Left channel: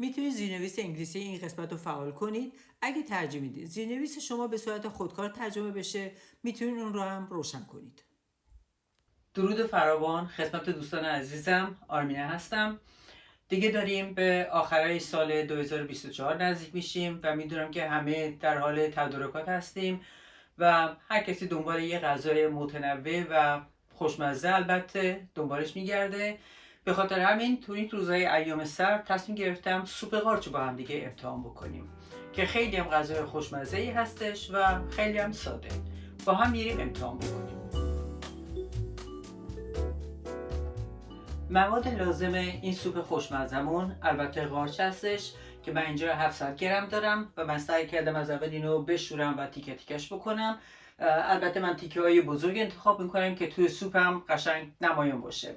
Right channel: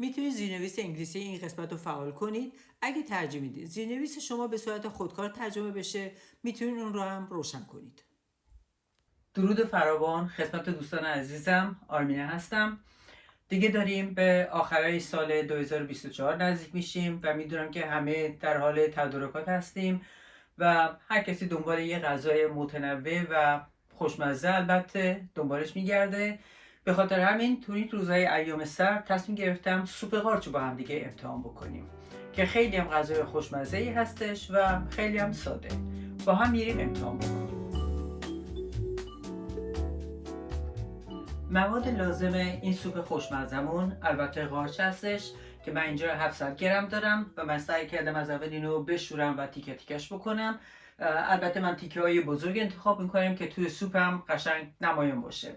میتونید زیرنویس انگلیسی این قسمت رو فعال کنید. اگه ترجمه میدید زیرنویس شما به صورت خودکار ترجمه بشه، میتونید اون رو هم روشن کنید. درود فراوان خدمت دوستان عزیزم، آرمینه هستم. دیگه داریم به آخرای سال 2024 نزدیک میشیم و میدونم که همه در حال تدارکات هستیم و هر کسی دنبال یه غذای متنوع و خوشمزه البته دنبالش میگرده. به خاطر همین تو این روزهای ایام سرد تصمیم گرفتم سوپ قارچ رو با هم دیگه امتحان بکنیم که خیلی هم غذای خوشمزه‌ای هستش و خیلی هم ساده. با هم میریم امتحان بکنیم. مواد لازم این سوپ خوشمزمون البته قارچ هستش که من اینجا 700 گرم دارم و من سعی کردم از اول اینو بشورم و تیکه تیکش بکنم. البته من تیکه های بزرگ انتخاب میکنم که توی سوپم قشنگ نمایان باشه.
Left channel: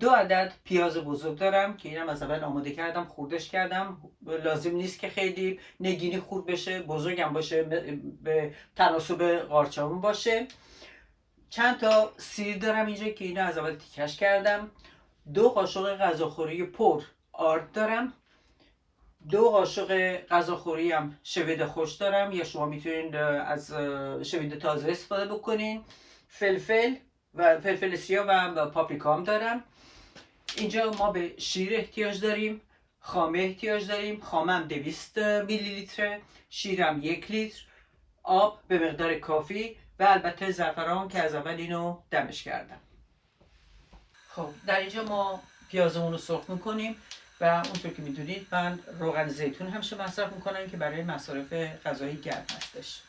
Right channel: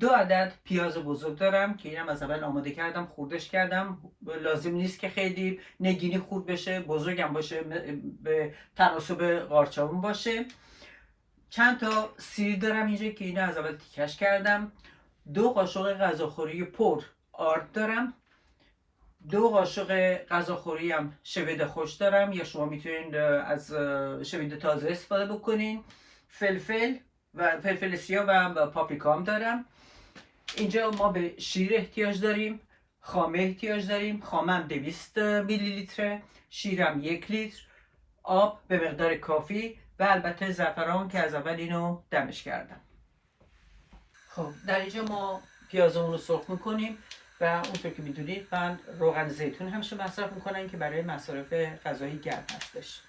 2 عدد پیاز بزرگ دارم که اینم از اول آماده کردم، خوردش کردم. لازم نیست که خیلی نگینی خورد بشه، بزرگم باشه، به تناسب قارچمون باشه. چند تا سیر دارم اینجا که اینو از اول تیکش کردم. 2 قاشق غذاخوری پر آرد دارم. 2 قاشق غذاخوری هم شوید خوش دارم یا شما میتونید از شوید تازه استفاده بکنین. فلفل و فلفل سیاه و پاپریکا هم دارم. اینجا ما به شیر احتیاج داریم، خامه احتیاج داریم. خامم 200 میلی لیتره، شیرم 1 لیتر، آب به مقدار کافی و البته زعفران که از اول اینو دمش کردم. خب در اینجا ما پیازمون رو سرخ میکنیم و اونطور که میدونید من روغن زیتون همیشه مصرف میکنم که برای مصارف غذایی گرم هستش.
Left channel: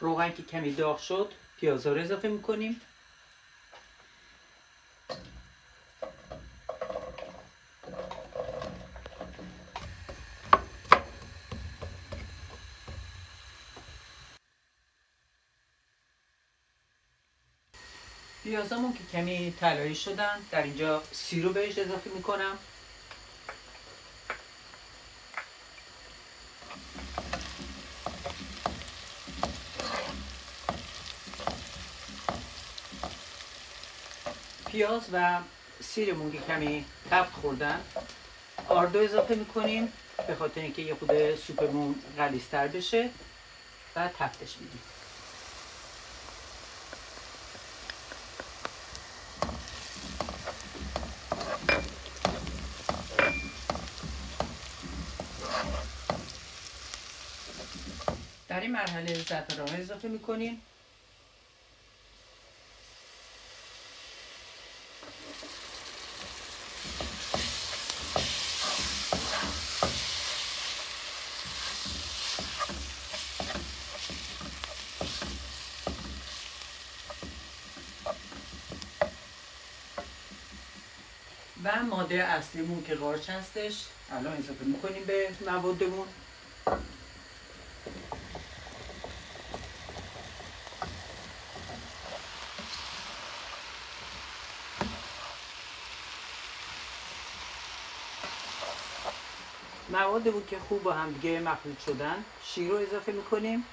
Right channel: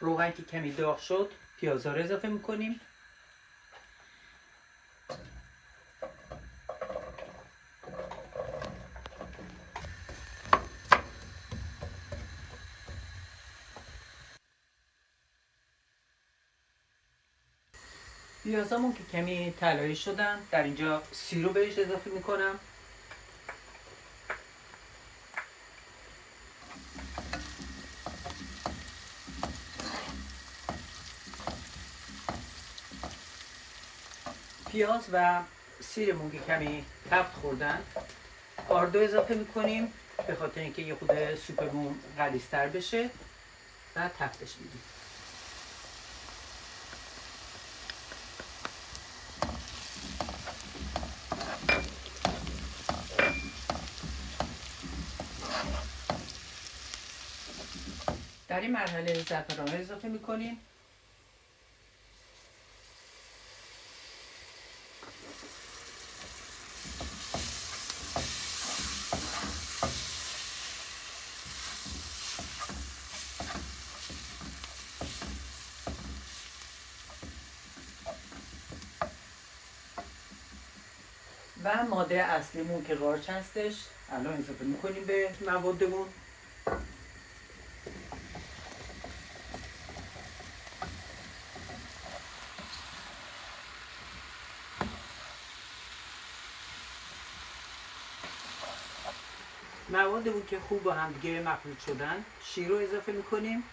روغن که کمی داغ شد پیازا رو اضافه میکنیم. پیازامون که کمی طلایی شدن در اینجا سیر رو بهش اضافه میکنم. پیاز و سیرمون که کمی تفت خوردن آردو اضافه میکنیم به خاطر اینکه یه خود سوپمون غلیظ‌تر بشه و تفتش میدیم. در این مرحله زعفران اضافه میکنیم. و ماده اصلیمون که قارچ هستش الان اضافه میکنیم به موادمون. موادمون که خوب با هم دیگه مخلوط شدن شیر رو اضافه میکنیم.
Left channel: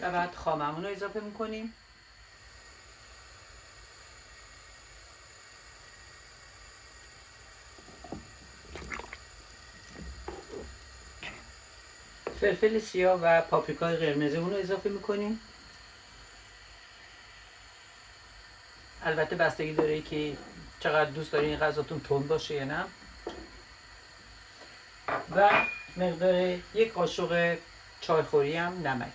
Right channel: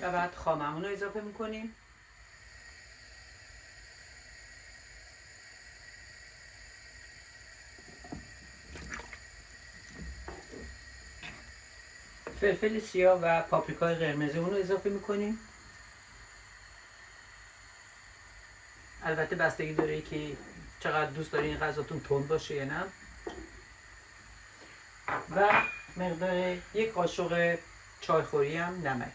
و بعد خاممون رو اضافه میکنیم. فلفل سیاه و پاپریکای قرمزمون رو اضافه میکنیم. البته بستگی داره که چقدر دوست دارین غذاتون تند باشه یا نه. و مقدار 1 قاشق چایخوری هم نمک.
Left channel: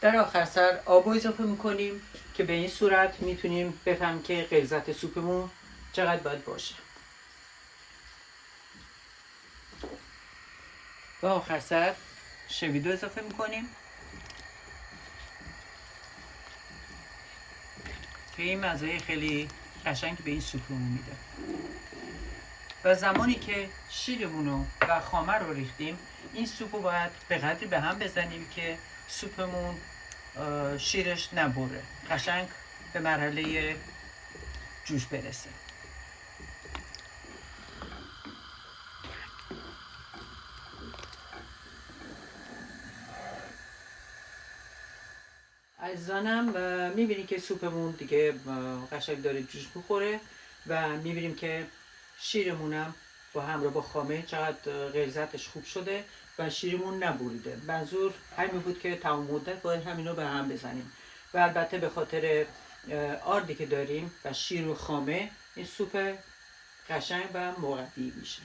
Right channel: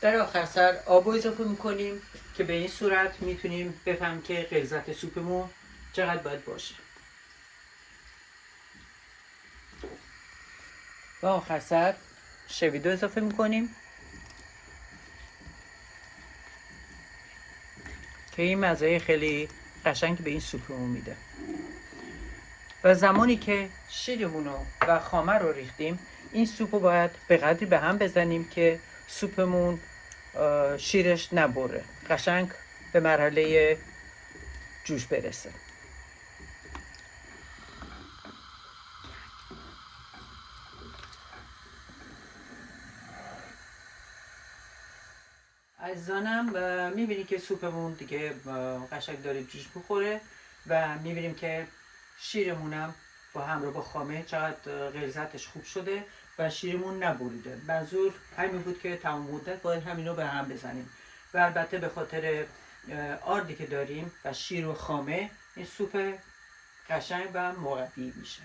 در آخر سر آب رو اضافه میکنیم که به این صورت میتونیم بفهمیم که غلظت سوپمون چقدر باید باشه. و آخر سر شویدو اضافه میکنیم. این مزه خیلی قشنگ به این سوپمون میده. و زمانی که شیرمونو و خامه رو ریختیم، این سوپو باید به قدری به هم بزنیم که سوپمون شیرش نبره، قشنگ به مرحله جوش برسه. عزیزانم میبینی که سوپمون دیگه قشنگ داره جوش بخوره و میبینیم که شیرمونم با همراه با خامه چقدر غلظتش خوب شده و شیرمون نبریده. منظور همین بود که تمام مدت باید همینو به هم بزنیم و البته به خاطر آردی که داریم و شیر و خامه این سوپ قشنگ و مربی میشه.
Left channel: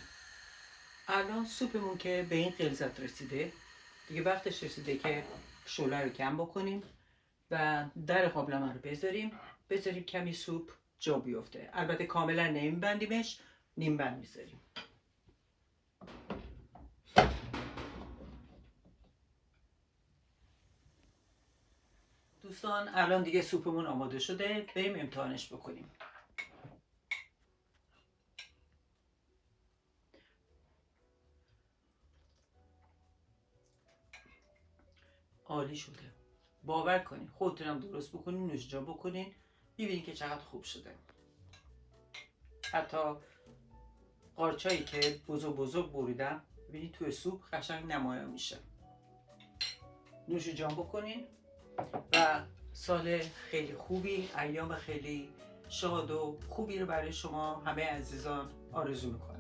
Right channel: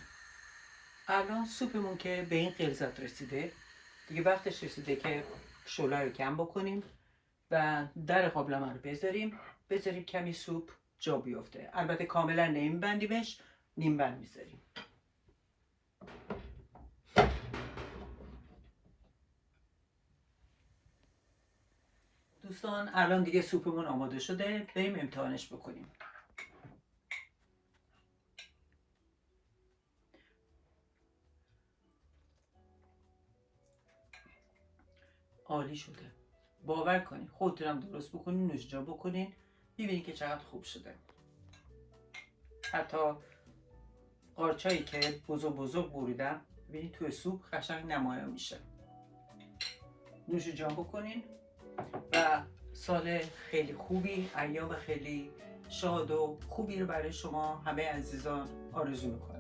الان سوپمون که به این غلظت رسیده، دیگه وقتش رسیده که شعله رو کم بکنیم و در قابلمه رو بذاریم کمی سوپ جا بیفته. البته کاملا نمیبندیمش، نیم بند میذاریم. دوستان الان دیگه سوپمون آماده شده، بریم امتحانش بکنیم. عالی شده، باور کنین. خودتون هم درست بکنین، نوشجا بکنین، ببینید که چقدر خوب شده. حتی قارچایی که بزرگ بریدم ببینید توی سوپ قشنگ نمایان میشه. نوش جان بکنین و سال خیلی خوبی، ایام خیلی شاد و خوبی رو برای شما همه عزیزان آرزو میکنم.